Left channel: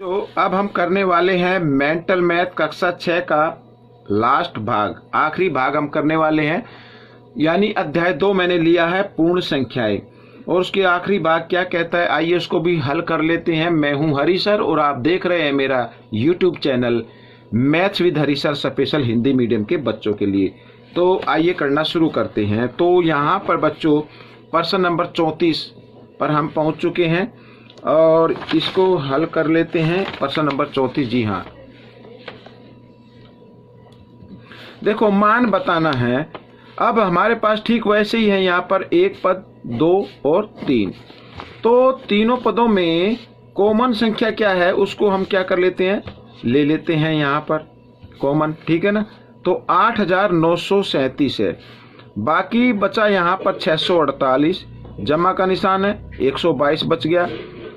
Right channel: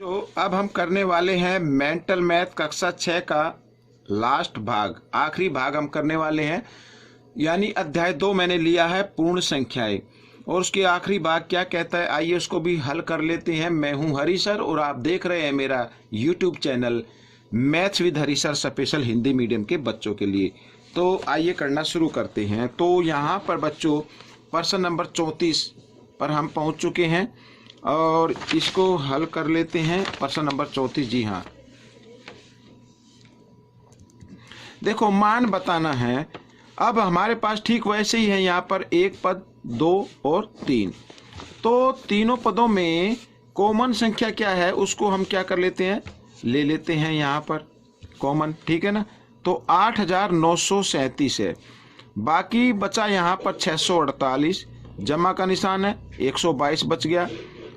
तो अब हम करने वाले हैं मेंटल मैथ कक्षा 6 का लास्ट भाग, आखिरी भाग हम करने वाले हैं। यानी अध्याय 2 मैंने लिया है पूर्ण संख्याएं, और उसके आखिरी भाग क्या कहता है आइए उसको भी हल कर लेते हैं। मैं हूं हरी सर और आप देख रहे हैं मेरा YouTube channel maths with Hari sir special Hindi medium के बच्चों के लिए। तो आइए करना शुरू करते हैं। तो यहाँ पर बच्चों प्रश्न नंबर 34 पर हम पहुँच चुके हैं और इसको हल कर लेते हैं। प्रश्न नंबर 34, जी हाँ, देखो मान बताना है। अब हमारे पास ठीक वैसे ही है, यहाँ पर एक पद, दो और तीन। तो तीनों पदों में कॉमन संख्या क्या है उसको हम क्या कर लेते हैं, ले लेते हैं यहाँ पर कॉमन, ठीक है ना। तो 8937 है, बाकी बचा यहाँ पर 648, जमा का निशान है, 122 बच गया,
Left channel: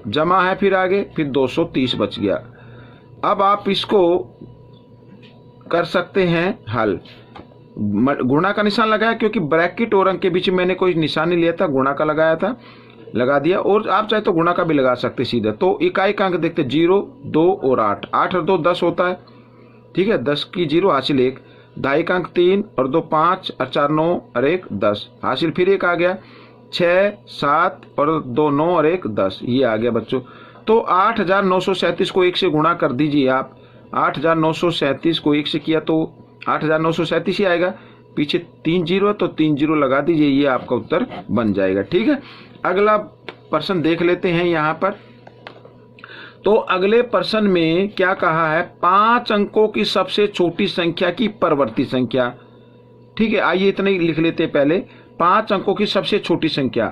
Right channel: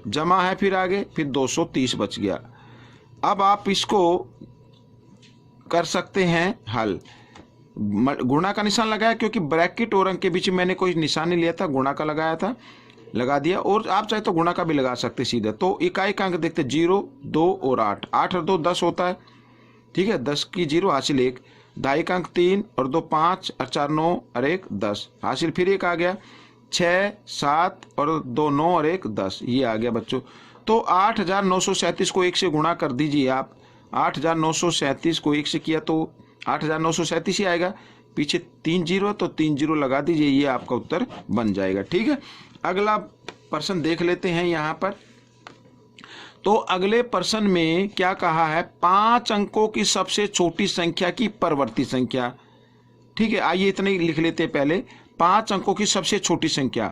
जमा है फिर आगे, फिर 230 बच गया। अब आप इसको कर सकते हैं हल। गुणा का निशान लगाया क्योंकि ब्रैकेट और अंक के बीच में मैंने कोई निशान नहीं लिया था, गुणा का लगाया था, लगा दिया। और आप चाहे तो गुणा का भी लगा सकते सीधा। तो इकाई का अंक देखते 0, 2 और 8, 8 और 2 10 होता है, ठीक है। 10 की 0 हासिल 1, दहाई का अंक 3 और 2 5 और 4 9 और 1 10 हासिल, फिर 1 आ गया, 6 7 और 2 9 और 1 10, ये आ गया बच्चों। तो 8937 को 1 से गुणा कर दीजिए आप। 8937 को 1 से किया तो 8937 ही आएगा, पीछे 3 0 तो 3 0 लगा दीजिए, ये आपका उत्तर बन जाएगा, ठीक है। अगला प्रश्न देख लेते हैं यहाँ पर। तो अगले प्रश्न में क्या कहा है, 5 अंकों की सबसे छोटी संख्या की परवर्ती संख्या, ठीक है। आइए इतना ही लिख लेते हैं पहले। 5 अंकों की सबसे छोटी संख्या,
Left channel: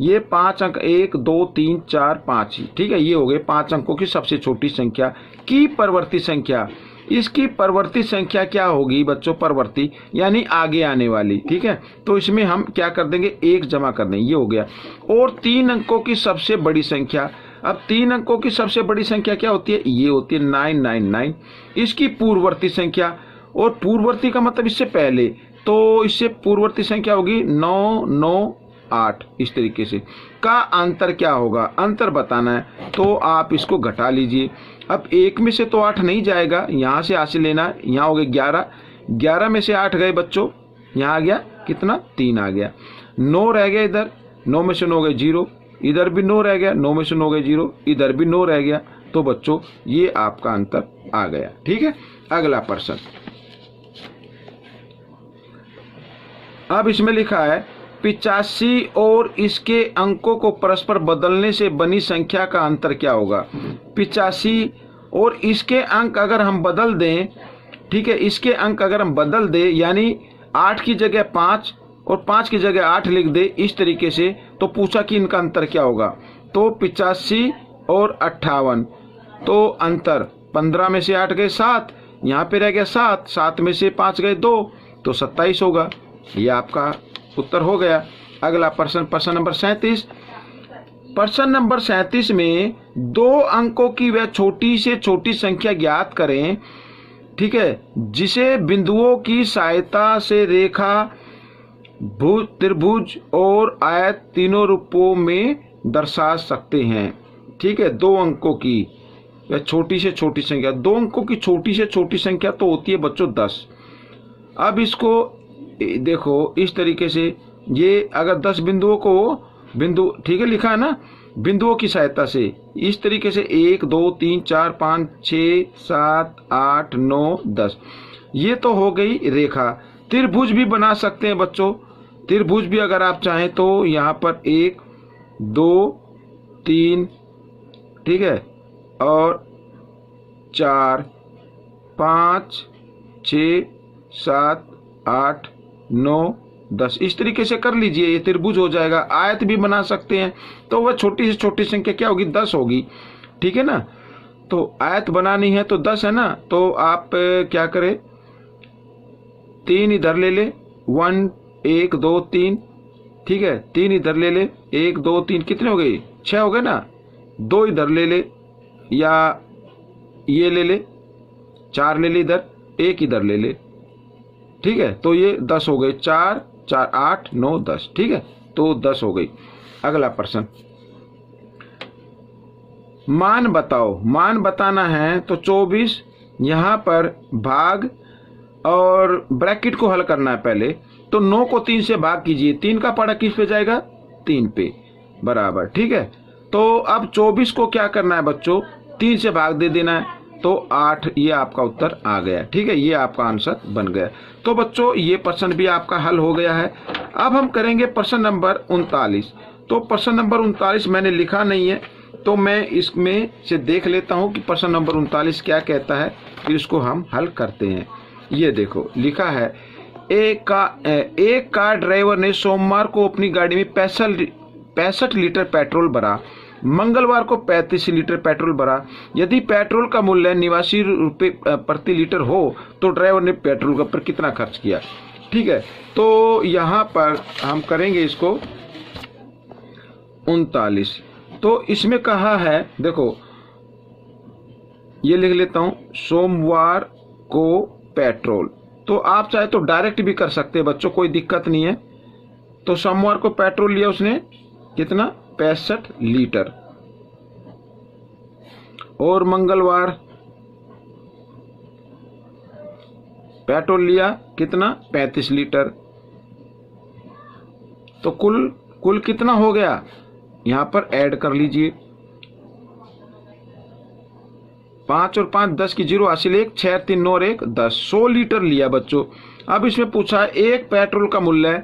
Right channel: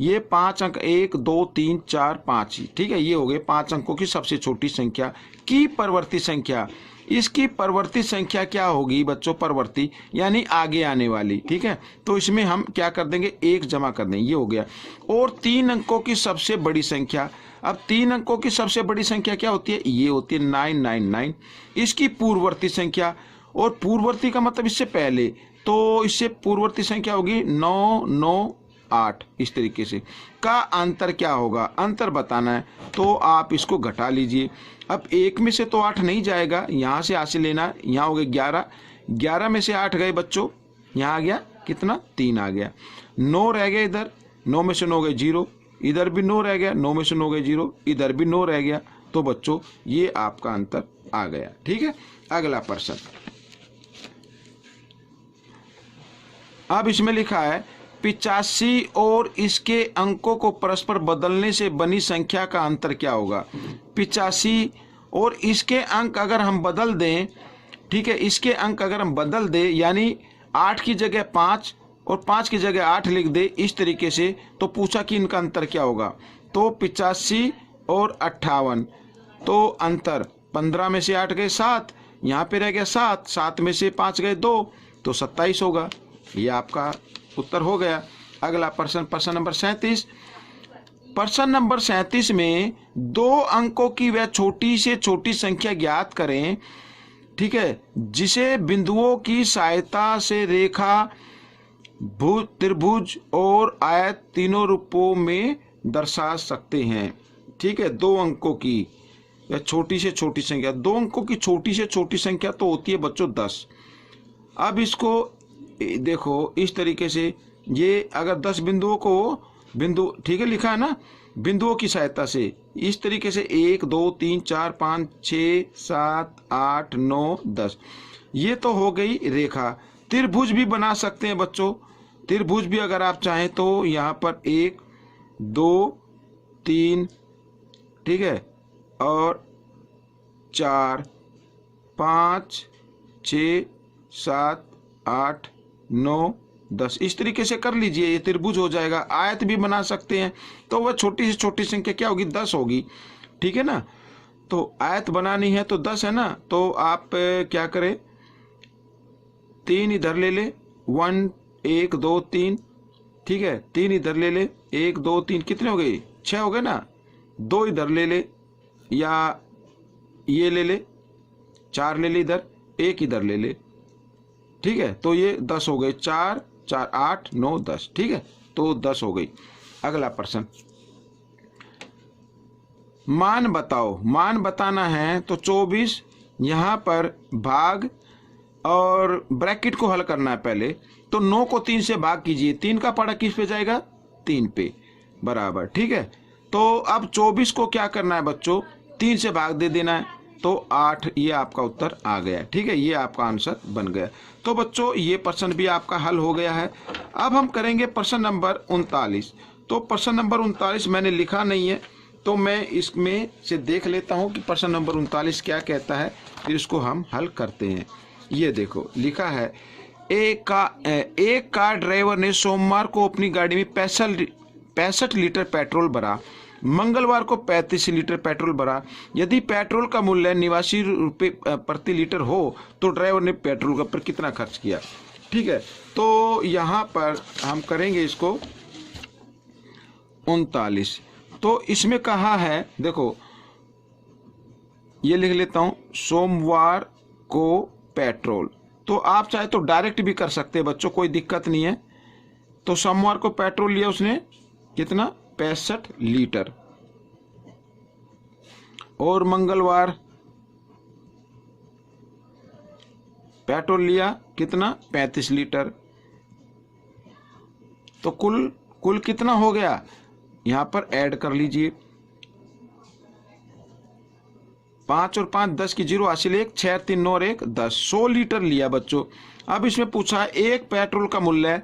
ये 5 अंक 1 2 3 4 5, ठीक है, ये हो गए 5 अंकों की सबसे छोटी संख्या की परवर्ती संख्या। इसकी परवर्ती संख्या क्या होगी बच्चों, परवर्ती यानी आगे आने वाली, ठीक है। तो इसमें हम क्या कर देंगे, 1 जमा कर देंगे, ये हो गया। और 3 अंकों की सबसे बड़ी संख्या, अब 3 अंकों की सबसे बड़ी संख्या क्या होती है, ये होती है 999। इसकी पूर्ववर्ती संख्या, और पूर्ववर्ती का मतलब इससे पहले, तो इससे पूर्ववर्ती संख्या होगी 998। इस तरीके से का अंतर क्या होगा, अंतर बताना है तो आप इसको घटा लीजिए। अब 1 में से तो 8 नहीं जाएगा, यहाँ से हासिल लेना, यहाँ हो गए 11, 11 में से 8 गए बच्चों, यहाँ आ गया कितना, 3 आ गया, 9 रह गया इधर, 9 में से 9 गए 0, इधर भी 9 रह गया, 9 में से 9 गए 0, इधर भी 9 रह गया। तो बच्चों ये आपका अंतर आ गया, ठीक है। अगला प्रश्न, अब इसमें लिखा है 85 और इसके अंकों को परस्पर बदलने से बनी संख्या का अंतर क्या होगा। 85 और इसके अंक अगर हम बदल दें, ठीक है, इसके अंक अगर हम बदल दें, यानी 8 की जगह 5 और 5 की जगह 8 लिख दे इस तरीके से, तो पूछा कि इनका अंतर क्या होगा। तो 85 और 58, तो अंतर 15 में से 8 गए 7, यहाँ पे रह गया 7, 7 में से 5 गए 2, तो 27 होगा। ये आपका उत्तर हो गया। अगला प्रश्न, प्रश्न नंबर 37। प्रश्न नंबर 37 में 2 अंकों की वह छोटी से छोटी संख्या ज्ञात करें, ठीक है, जिसे बिंदुओं की सहायता से रेखा, त्रिभुज और आयत तीनों रूपों में दर्शा सकते हैं, ठीक है। 2 अंकों की वह छोटी से छोटी संख्या, 2 अंकों की छोटी से छोटी संख्या तो होती है बच्चों 10। अब इसको देखो इस तरीके से, ये अगर 10 बिंदुओं को, बिंदु ठीक है लिखा है ना, बिंदुओं की सहायता से इस तरीके से 1 2 3 4 5 6 7 8 9 10, ये तो हो गई रेखा। त्रिभुज भी बना सकते हैं बच्चों, त्रिभुज भी अगर आप चाहें तो यहाँ पर 1 2 3, ठीक है, और 4 5 6 7 8 9 10 इस तरीके से कर लीजिए, ये त्रिभुज हो जाएगा। आयत भी बना सकते हैं, तो वह छोटी से छोटी संख्या क्या होगी, 10 होगी, ठीक है ना। तो आयत बनानी है तो 10 है ना, तो आप क्या करें, 3 इधर ले ले, 1 1 2 3, ठीक है, 3 इधर ले ले, 1 2 3, कितने हो गए, 6 हो गए ना। 2 इधर ले ले, या ये ले ले, 4 ले ले इधर, 1 इधर ले ले, ठीक है। तो ये 10 हो गए, 4 4 8 9 10, ठीक है, तो 10 हो गई। अगला प्रश्न, मान बताओ, मान बताना है तो 24 यहाँ पर भाग और ब्रैकेट को हल करना है पहले। तो 9 को 3 से भाग कीजिए, 3 का पड़ा किस पे जाएगा, 3 पे, बराबर। ठीक है, तो अब 24 को क्या करना है बच्चों, 3 से भाग दे देना है, तो 8। ये आपका उत्तर आ गया। ठीक है, ये आपका आंसर बन गया। तो बच्चों ये प्रश्न भी आपका हल हो गया है। अब हम करेंगे प्रश्न नंबर 39। तो प्रश्न नंबर 39 मैंने लिखा नहीं है, तो मैं इसमें से देख लेता हूं कि प्रश्न नंबर 39 क्या कहता है, फिर इसको हम हल करते हैं। ये देखो लिखा है, एक कार ड्राइवर ने सोमवार को अपनी गाड़ी में 65 लीटर पेट्रोल भरा, मंगलवार को 35 लीटर पेट्रोल भरा। यदि पेट्रोल का मूल्य 89 रुपये प्रति लीटर हो तो ड्राइवर ने पेट्रोल पर कितना खर्च किया। ठीक है, तो यहाँ पर हम करेंगे इसको 39। तो इसमें कहा है, देखो ये लिख लेता हूं, सोमवार को पेट्रोल। तो आप चाहे तो डायरेक्ट भी कर सकते हैं बच्चों, कोई दिक्कत नहीं है। तो सोमवार को पेट्रोल लिया उसने कितना, 65 लीटर, और मंगलवार पेट्रोल लिया कितना, 35 लीटर। तो कुल कितना हो गया, यहां पर ऐड कर लीजिए, 5 और 5 10 की 0 हासिल 1, 6 3 9 और 1 10, 100 लीटर लिया बच्चों। अब इसमें पूछा है एक पेट्रोल का मूल्य,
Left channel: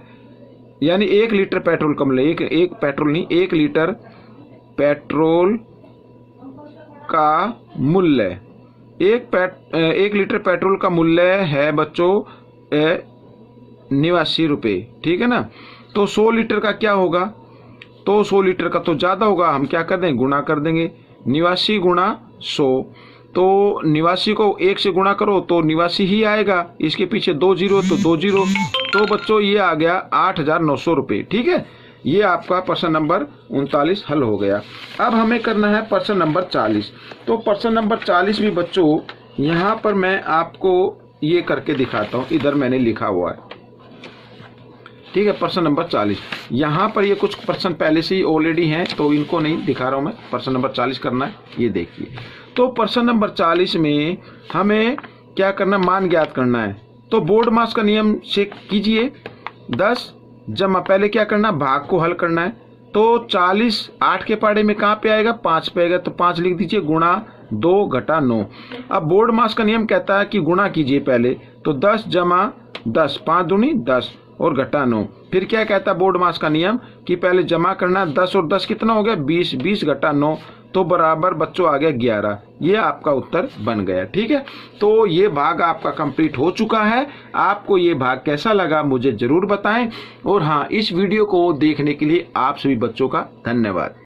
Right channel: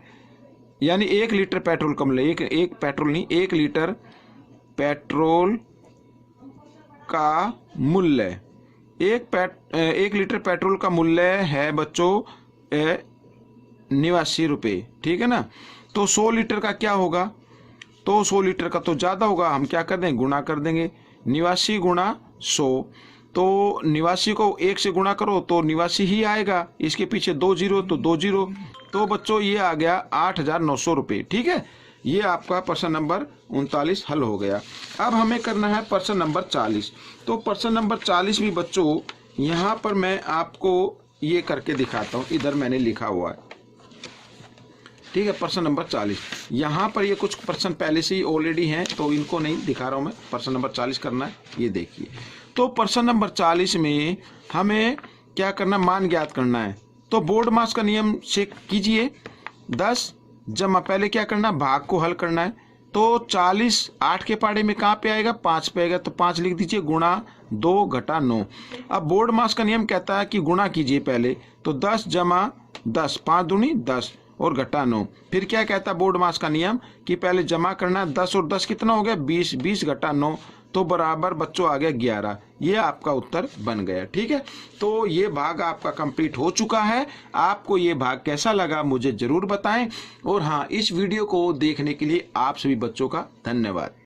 यानी 1 लीटर पेट्रोल का मूल्य, एक पेट्रोल नहीं, 1 लीटर पेट्रोल का मूल्य, 1 लीटर पेट्रोल का मूल्य है बच्चों 89 रुपये। ठीक है ना, तो 100 लीटर का क्या होगा, तो 100 लीटर का तो ज़्यादा होगा, हम क्या कर देंगे, गुणा कर देंगे, 89 गुणा 100। तो 89 को 1 से गुणा करो तो 89 ही आएगा, इसके पीछे 2 जीरो तो 2 जीरो, तो बच्चों ये आ गया 8,900 रुपये। ठीक है, ये आपका प्रश्न नंबर 39 हल हो गया। अब हमें करना है प्रश्न नंबर 40। तो प्रश्न नंबर 40 भी बच्चों यहाँ पर मैं आपको ये करके दिखाता हूँ, इधर मैंने लिखा हुआ है। ठीक है, प्रश्न नंबर 40, यहाँ पर ये कुछ प्रश्न पहले से ही ऑलरेडी हैं, तो इनको नहीं दिखा रहा हूँ मैं। प्रश्न नंबर 40 करना है, ये देखिए। तो प्रश्न नंबर 40 में हमें क्या करना, मान ज्ञात करना है। तो बोर्ड मास का नियम से कीजिए, 10 जमा, पहले क्या करना, भाग को हल करना है। तो 40 8 के पाड़े में कहाँ पे आएगा, 5 पे आएगा, तो 5 लिख दीजिए, गुणा 2 घटा 9। अब बोर्ड मास का नियम कहता है कि गुणा कीजिए पहले, तो 10 जमा 10, 5 दूनी 10 और घटा 9। फिर क्या कहता है बोर्ड मास का नियम कि पहले जमा करना, 10 और 10 कितना हो गया, 20, 20 घटा 9, तो बराबर बच्चों आ गया 11। ये आपका उत्तर बन गया। ठीक है, तो ये भाग आपका कंप्लीट हो चुका है। आपको ये भाग कैसा लगा मुझे जरूर बताएं, और हाँ, इस वीडियो को देखने के लिए आप सभी बच्चों का धन्यवाद।